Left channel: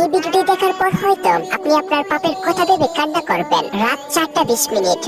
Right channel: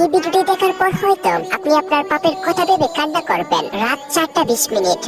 এই ভিডিওটি দেখার পর হয়তো আপনি আপনার পাপের কথা ভেবে কান্না করবেন। রাত 4:20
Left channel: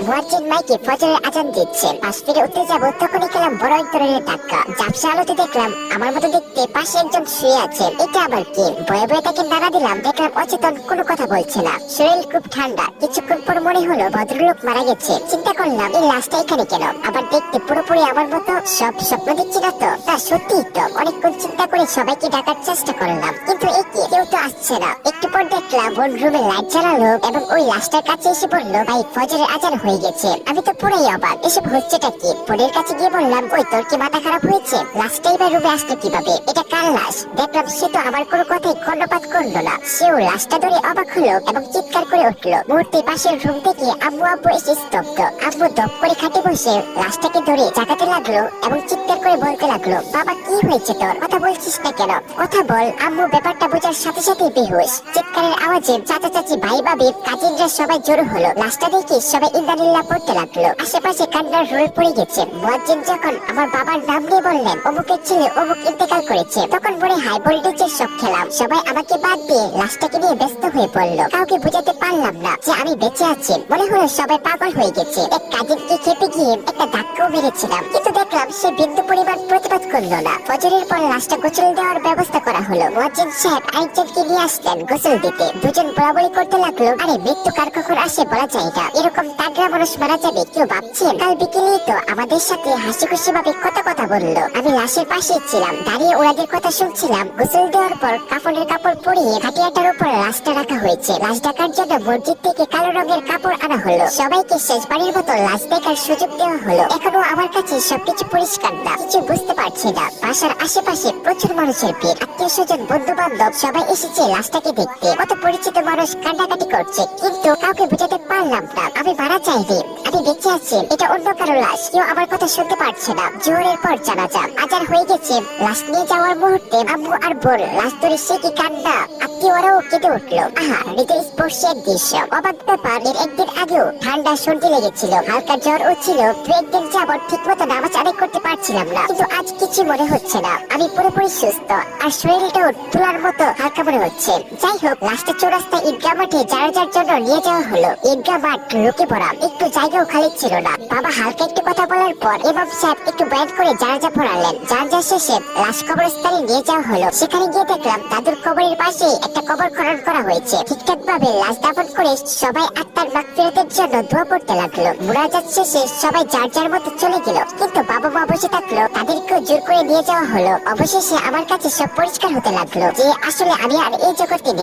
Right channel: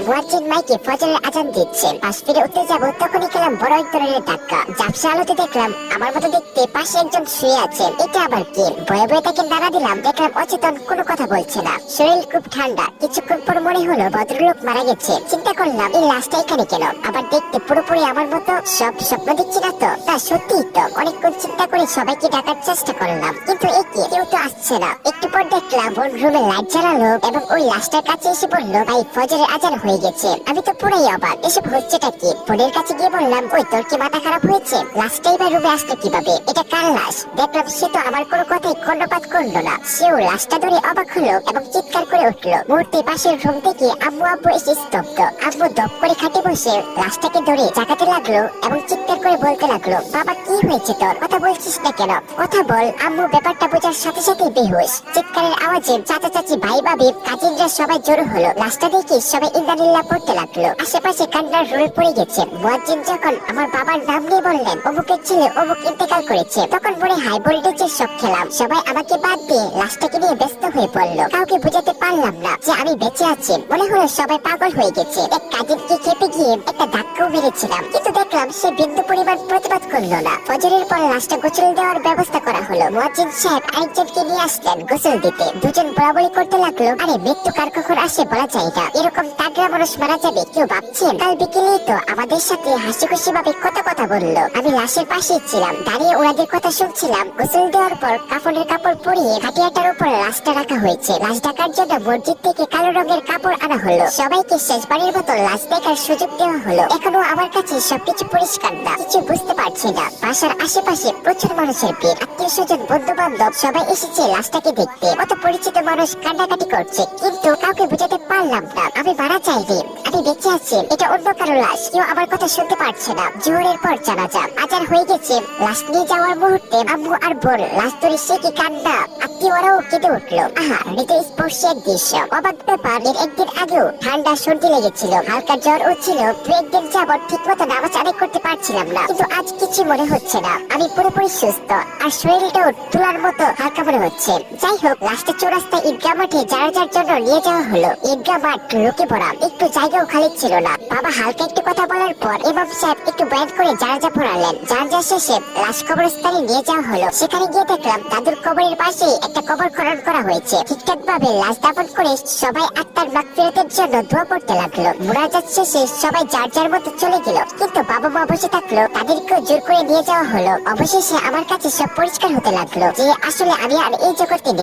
মুয়াজ্জিন মাইকে ফজরের আজান দিচ্ছেন। পাশ ফিরে উঠতে যাব, তখনই খেলাম বড় এক ধরনের ধাক্কা। ঝাপসা আলোতে দেখলাম আমার মতো দেখতে পাশে একজন শুয়ে আছেন। এটা আবার কি? ভয়ে ভয়ে তাকে নাড়া দিলাম, দেখলাম অচেতন, কোনো কথা বলছে না। শরীর খুব ঠান্ডা। কিছুক্ষণ পর মনে হলো ভদ্রলোক মারা গেছে। চিন্তা করলাম এই লাশটা এখানে কেন? আবার দেখতে পুরোপুরি আমার মতো। সব স্বপ্ন দেখছি না তো? তা সত্যি তো। অনেকক্ষণ চিন্তা করে সবাইকে ডাকার চেষ্টা করলাম, কিন্তু কেউ তো আসছে না। একটু পর দেখলাম ওর রুমে লাইট জ্বালালো এবং ওই লাশটার কাছে এসে বললো, ভাই ফজরের আজান হয়ে গেছে। আমি তো পুরাই অবাক, এসব হচ্ছেটা কি? বোনের কাছে গিয়ে বললাম, ওই তোর কি মাথা খারাপ হয়েছে? লাশটাই বা রুমে আসলো কিভাবে? এটা কার লাশ? দেখলাম সে তো আমার কোনো কথাই কর্ণপাত করলো না। সেও লাশটা ধরে অবাক হলো এবং চিৎকার করে উঠলো। মুহূর্তে পাশের রুম থেকে আম্মু আব্বু এসে স্তব্ধ। আব্বু দপ করে খাটে বসে লাশটাকে ধরে জাগাতে লাগলো এবং চিৎকার করে বলতে লাগলো, বাবা কি হয়েছে তোর? কথা বলছিস না কেন? কথা বল। আম্মু ব্যাপারটা বোঝার সাথে সাথে বেহুশ। চিৎকারের আওয়াজে চাচা চাচি ভাই ভাবি কাজিনরা সবাই জড়ো হলো। লাশটা দেখে সবাই ইন্দানিল্লাহ পড়তে লাগলো। আশেপাশে কান্নার রোল পড়ে গেছে। মুয়াজ্জিন যখন আমার বাবার নাম নিয়ে বললেন, অমুকের ছেলে অমুক ইন্তেকাল করেছে, তখন মনে হাই ভোল্টেজের সব খেলাম। সবাই আমাকে বাদ দিয়ে লাশটাকে নিয়ে ব্যস্ত হয়ে পড়লো। কাউকে বুঝাতে পারলাম না যে আমি বেঁচে আছি। মনে হলো সবাই পাগল হয়ে গেছে। এক কাজিনকে খেপে গিয়ে একটা ধাক্কাও মেরেছিলাম, কিন্তু দেখলাম সে বিন্দু পরিমাণ প্রতিবাদ করলো না। ফজরের পর লাশটা গোসল দেওয়ার ব্যবস্থা করা হলো। মুয়াজ্জিন সাহেব আরেকজনকে নিয়ে আসলেন গোসল দিতে। দুজন বলাবলি করতে লাগলো, আরে মৃত্যু কার কখন আসে বলা যায় না, এরকম তাগড়া মানুষ মারা যাবে কেউ ভাবছেন? কাল বিকেলেই তো আমাদের সাথে হাসি খুশি ভাবে কত কথা বললো। আমি লাশের পাশে ছিলাম, দাঁড়িয়ে ওনাদের কথা শুনছিলাম। গোসল দেওয়ার পর কাফনের কাপড় পরিয়ে খাটিয়াটার উপর লাশটা রাখা হয়েছে। লাশ ঢাকার জন্য মসজিদ থেকে কালো রঙের কাপড় আনা হলো। সবাইকে শেষবারের মতো লাশ দেখার সুযোগ দেওয়া হলো। এখনো আমার কাছে সবকিছু পরিষ্কার না, কিছু বুঝতে পারছি না। বাসার আশেপাশে প্রচুর মানুষের ভিড়। আত্মীয় স্বজন বন্ধু বান্ধব সবাই এসেছে লাশটাকে দেখতে। কত পরিচিত মানুষ কান্নাকাটি করছে, কিন্তু কাউকে বুঝাতে পারলাম না আমি মারা চাইনি, আমি বেঁচে আছি। এটা অন্য কারো লাশ, কেউ আমার কথা শুনতে পারছে না। জোহরের পর জানাজা আজান হয়ে গেছে। লাশ নিয়ে যাওয়ার মুহূর্তে আম্মু আর বোন লাশ ধরে সে কি কান্না। আত্মীয় ওরাও কেঁদে উঠলো। আহা, হৃদয় স্পর্শী এক দৃশ্য। অবাক ব্যাপার, এর একদিন আগেও ঠান্ডা সর্দি লেগেছিল, হালকা জ্বর ছিল। দু একদিন যাবৎ ঠিক মতো নামাজ আদায় করতে পারছিলাম না, কিন্তু আজ কিছু মনে হচ্ছে না। আমি পুরোপুরি সুস্থ আর শরীরটাও তোলার মতো হালকা মনে হচ্ছে। যাই হোক, লাশটা চৌরাস্তা ঈদগাহ মাঠে জানাজার জন্য নিয়ে যাওয়া হলো। ঈদগাহ মাঠ লোকে ভরা, একটু জায়গাও খালি ছিল না। বাবা হালকা একটু কথা বলার পর ইমাম সাহেব একটু বয়ান করে জানাজা পড়ালেন। জানাজা শেষে লাশ কবরস্থানে নিয়ে যাওয়া হলো। সেখানে গিয়ে দেখলাম দাদুর কবরের পাশে একটা কবর খনন করা হয়েছে। ঠিকঠাক ভাবে লাশ দাফন করে সবাই আত্মার মাগফিরাতের জন্য দোয়া করতে লাগলো। মুনাজাত শেষে সবাই যার যার মতো চলে গেল, কিন্তু বাবা মা বসে থাকলো। তাদেরকেও জোর করে নিয়ে যাওয়া হলো। অবশেষে আমার কাছে সব পরিষ্কার হতে লাগলো যে আসলে আমি আর এই জগতে